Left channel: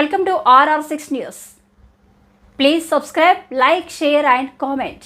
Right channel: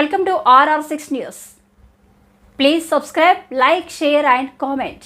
Welcome to RR6 News. Please subscribe, like, share and comment.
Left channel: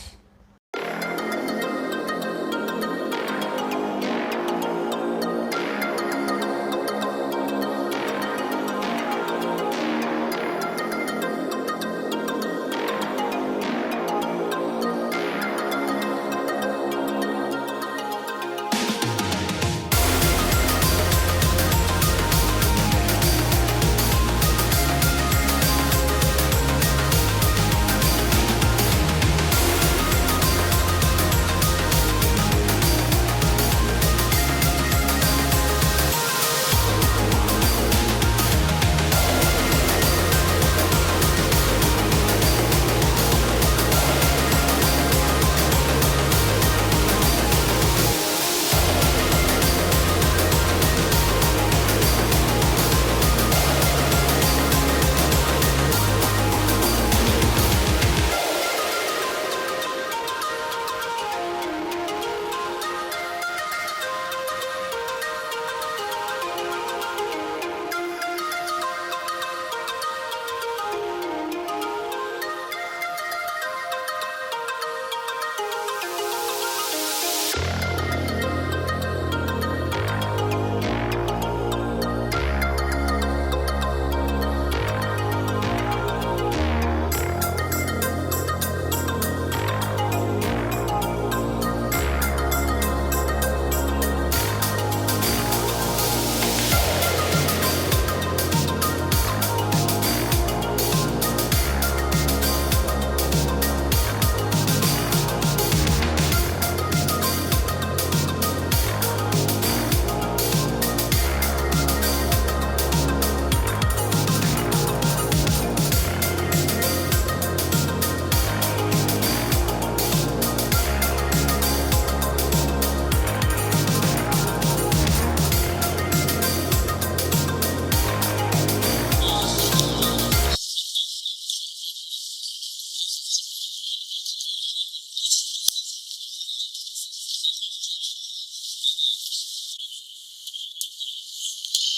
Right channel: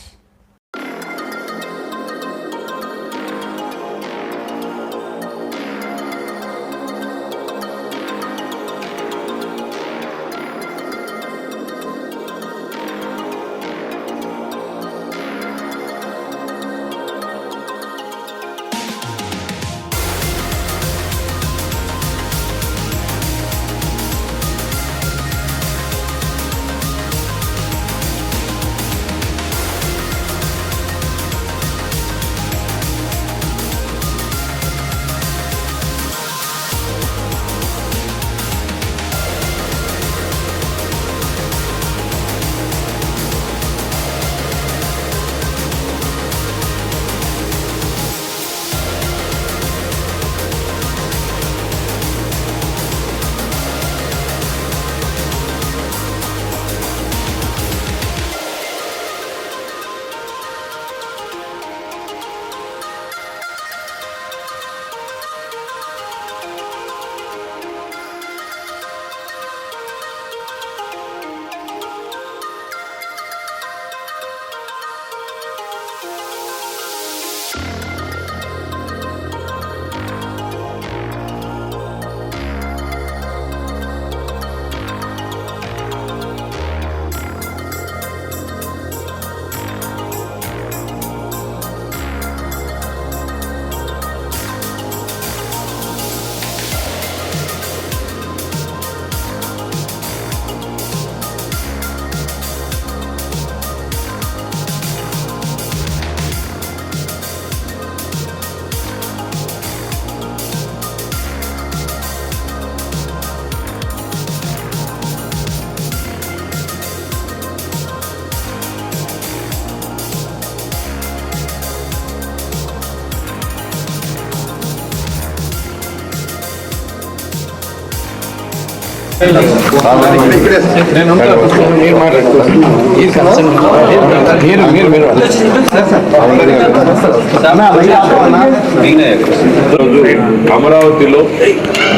అమరావతిలో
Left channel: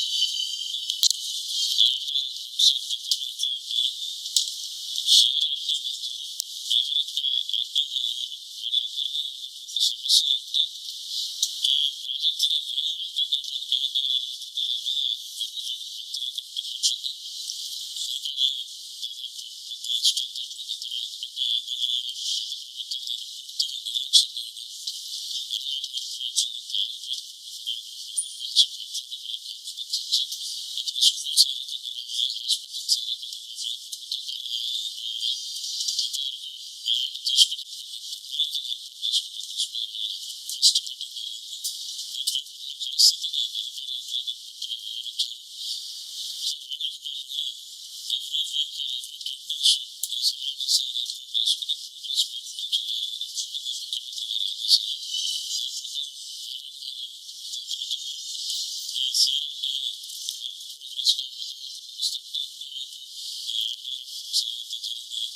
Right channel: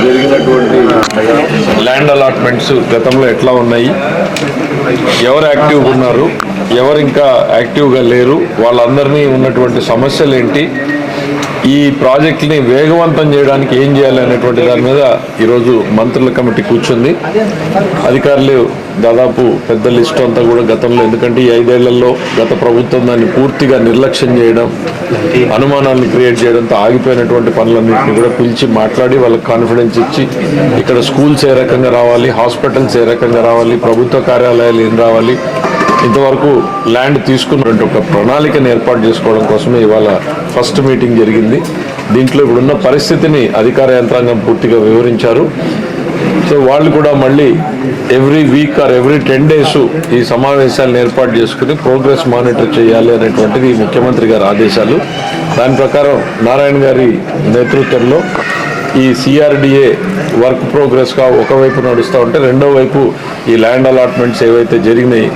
జరిగినటువంటి land allotments గతంలో ఎట్లా ఉన్నాయి, ఎవరు యాక్టివ్గా ఉన్నారు, ఎవరు ఇంకా యాక్టివ్గా లేరు, వాళ్ళందరినీ ఉన్నటువంటి సమస్యలు ఏంటి, ఈ ప్రాజెక్ట్ని వేగవంతం చేయడానికి ఏం చేయాలి అనేటువంటి దాని మీద ఈరోజు మంత్రుల కమిటీ కూర్చుంది. అధికారులు దాదాపు పెద్ద లిస్టు అంతా కూడా గతంలో, ఎందుకంటే ఈ 5 ఏళ్లలో గత ప్రభుత్వం దాన్ని పూర్తిగా నిర్లక్ష్యం చేయడం, అనుమానాలను క్రియేట్ చేయడంతో ఆగిపోయినటువంటి పనులన్నింటినీ కూడా పిలిచి మాట్లాడి వాళ్ళకి కాన్ఫిడెన్స్ ఇచ్చి ఇక్కడ స్కూల్స్ ఏ రకంగా రావాలి, హాస్పిటల్స్ ఏ రకంగా రావాలి, ప్రభుత్వ కార్యాలయాలు ఏం రావాలి, ఇంతవరకు ల్యాండ్ తీసుకున్నటువంటి ఒక ప్రణాళికను ఏర్పాటు చేసుకోవడం కోసమే ఇవాళ ఫస్ట్ మీటింగ్ జరిగింది. దీంట్లో ఇప్పుడున్న పరిస్థితిని అధికార యంత్రాంగం పూర్తిగా వివరించారు. సో వాళ్ళు కూడా మళ్ళీ every week or every 10 days ఈ సమావేశాలను ఏర్పాటు చేసుకుని ప్రోగ్రెస్ మానిటర్ చేయాలి అనేటువంటిది ముఖ్యమంత్రి గారి ఆదేశాలు. దాని ప్రకారం నారాయణ గారి నేతృత్వంలో ఈ సిఆర్డిఏ వర్క్ ప్రోగ్రెస్గా ఒకవైపు నడుస్తూ ఉంటే రెండో వైపు ఈ ల్యాండ్ అలాట్మెంట్స్ ఏవైతే జరిగినాయి,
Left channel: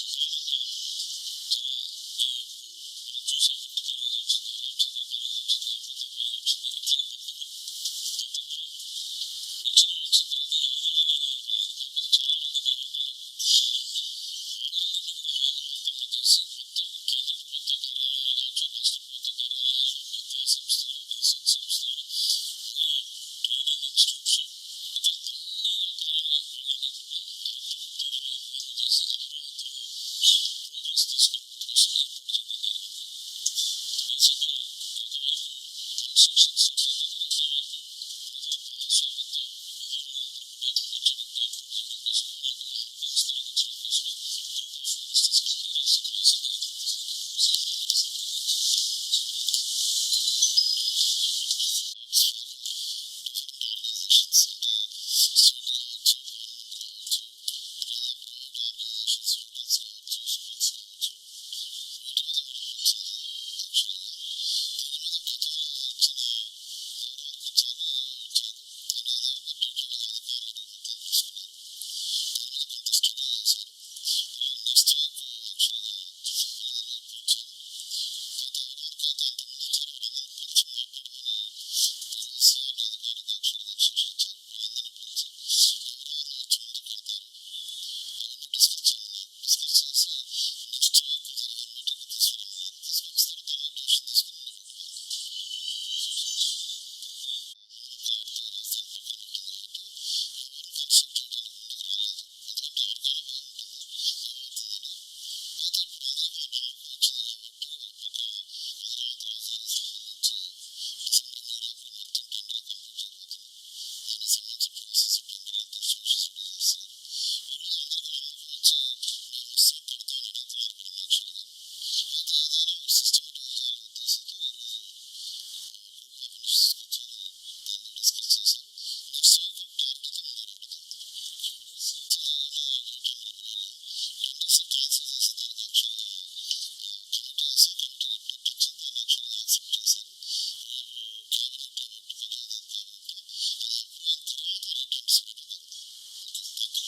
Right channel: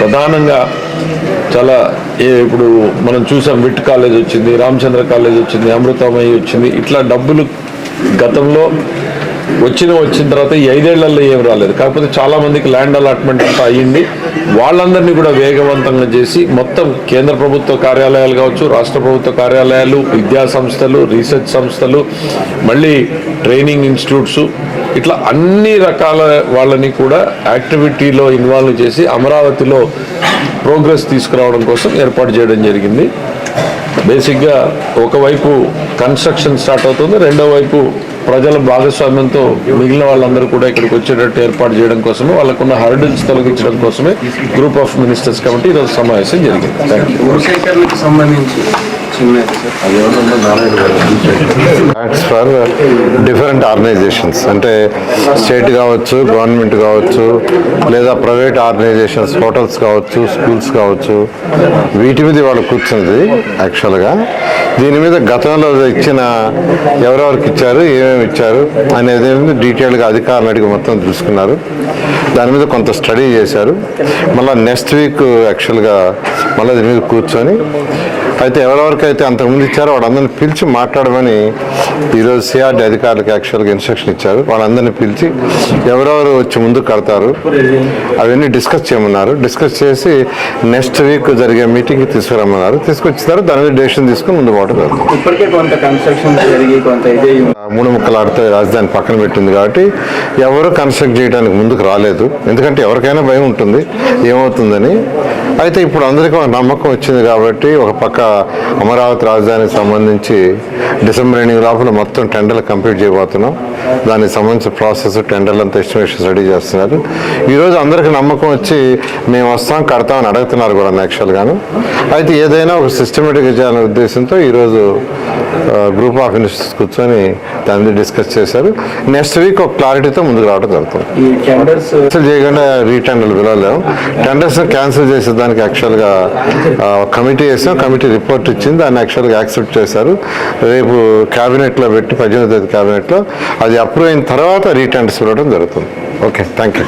ప్రధానంగా చాలా ఇప్పుడు మనం చూసాం, విట్ కాలేజ్ వచ్చింది, రామచంద్ర కాలేజ్ వచ్చింది, అమృతమయ్య వచ్చింది, ఇట్లా డబ్బులు గతంలో వచ్చిన తర్వాత ఈ 5 ఏళ్లలో ఏం రాలేదు. కాకపోతే చాలామందికి ల్యాండ్ అలాట్మెంట్ అంతా అయ్యింది. వాళ్ళందరినీ కూడా వేగవంతంగా చేసి మొత్తం కేంద్ర ప్రభుత్వ కార్యాలయాలు కావచ్చు, రాష్ట్ర ప్రభుత్వ కార్యాలయాలు, విద్యా సంస్థలు, రీసెర్చ్ సంస్థలు, మళ్ళీ ట్రైనింగ్ ఇన్స్టిట్యూట్స్, ఇట్లా అన్ని రకాల వాళ్ళని కూడా యాక్టివిటీలో ఇన్వాల్వ్ చేసి అమరావతిలో ప్రోగ్రెస్ తీసుకురావడం కోసం ఏర్పాటు చేయడం జరిగింది. బేసిక్గా ఒకవైపు కన్స్ట్రక్షన్ స్టార్ట్ అవుతుంది, రెండో వైపు ప్రజల భాగస్వామ్యంతో మిగిలిన వాళ్ళందరూ కూడా ఇక్కడికి వచ్చేటట్టు ఏర్పాటు చేయడం కోసమే, వాళ్ళకున్న హర్డిల్స్ తొలగించడం కోసమే గ్రూప్ ఆఫ్ మినిస్టర్స్ కమిటీ ఈరోజు సమావేశం జరిగింది. యాక్ట్స్ ఫర్ డిఫరెంట్ ఆర్గనైజేషన్స్, అంటే స్టేట్ కావచ్చు, గవర్నమెంట్ కావచ్చు, లేదా ప్రైవేట్ ఆర్గనైజేషన్స్, హోటల్స్ కావచ్చు, స్కూల్స్ కావచ్చు, వీటి మీద వాళ్ళు కూర్చున్నది. యాక్చువల్గా దీని మీద గతంలో ఇచ్చిన ఎవరెవరికి ఇచ్చారు, ఏమేమి ఇచ్చారు అనేది డీటెయిల్గా అధికారులు అడిగి మొత్తం చూసుకున్నారు. దాని మీద కొంత స్టడీ చేశారు. మళ్ళీ నెక్స్ట్ వీక్ యాక్చువల్గా మళ్ళీ దీని మీద కూర్చొని అయితే ఎవరెవరికైతే అంతకుముందు ఇచ్చారో వాళ్ళందరినీ పిలిచి మాట్లాడమని ఈరోజు సిఆర్డి అధికారులకు యాక్చువల్గా ఇన్స్ట్రక్షన్ ఇచ్చారు. వాళ్ళందరినీ పిలిచి ఎవరెవరు వచ్చి ముందుకు కడతారు అవన్నీ డిస్కస్ చేయమన్నారు. డిస్కస్ చేసి నెక్స్ట్ వీక్ జరిగే మీటింగ్కి తీసుకురమ్మన్నారు. తీసుకొచ్చారు, దాని మీద డెసిషన్ తీసుకుని ముందు పోవడం జరుగుతుంది. ఇప్పటికే కొంత కన్స్ట్రక్షన్ జరిగి కొంత ఇదే మూడు ముక్కలాడితే రాజధాని పక్కన పెట్టింది కాబట్టి ఎవరు కన్స్ట్రక్ట్ చేయడానికి ముందుకు రాలేదు. ఎందుకంటే ఎవరికైనా భయం ఉంటుంది ఏమవుతుందని. అయితే ఇప్పుడు అందరికీ ఒక నమ్మకం వచ్చింది కాబట్టి ఒక పక్క అమరావతి రాజధానికి సంబంధించి డిసెంబర్ ఎండింగ్ లోపల మొత్తం టెండర్లు కంప్లీట్ చేయబోతున్నాం. దానికి సంబంధించిన ప్రాసెస్ టెండర్లు అంతా ఎస్టిమేషన్ రెడీ చేస్తున్నారు. ఈరోజు అందరికీ నమ్మకం వచ్చి మేము వస్తాం కడతామని అడుగుతున్నారు కూడా యాక్చువల్గాను. అయితే ఏదైనా ఒక సిస్టమేటిక్గా చేయాలనే ఉద్దేశంతో ఈరోజు గ్రూప్ ఆఫ్ మినిస్టర్స్ కూర్చొని దాని మీద డిస్కస్ చేశారు. నెక్స్ట్ వీక్ ఒక క్లారిటీతో ముందుకు రావడం జరుగుతుంది. ఈ టెండర్స్ క్యాన్సిల్ చేయకుండా రీటెండర్లు పిలవలేము. టెండర్స్ క్యాన్సిల్ చేసేదానికి యాక్చువల్గా కమిటీ వేసాం. కమిటీ రిపోర్ట్ ఇచ్చింది, దాన్ని యాక్చువల్గా యాక్సెప్ట్ చేశారు. రేపు క్యాబినెట్లో పెట్టి 18వ తేదీ క్యాబినెట్లో అది అప్రూవ్ అయిన తర్వాత రీటెండర్స్ పిలవడం జరుగుతుంది. Okay, thank you.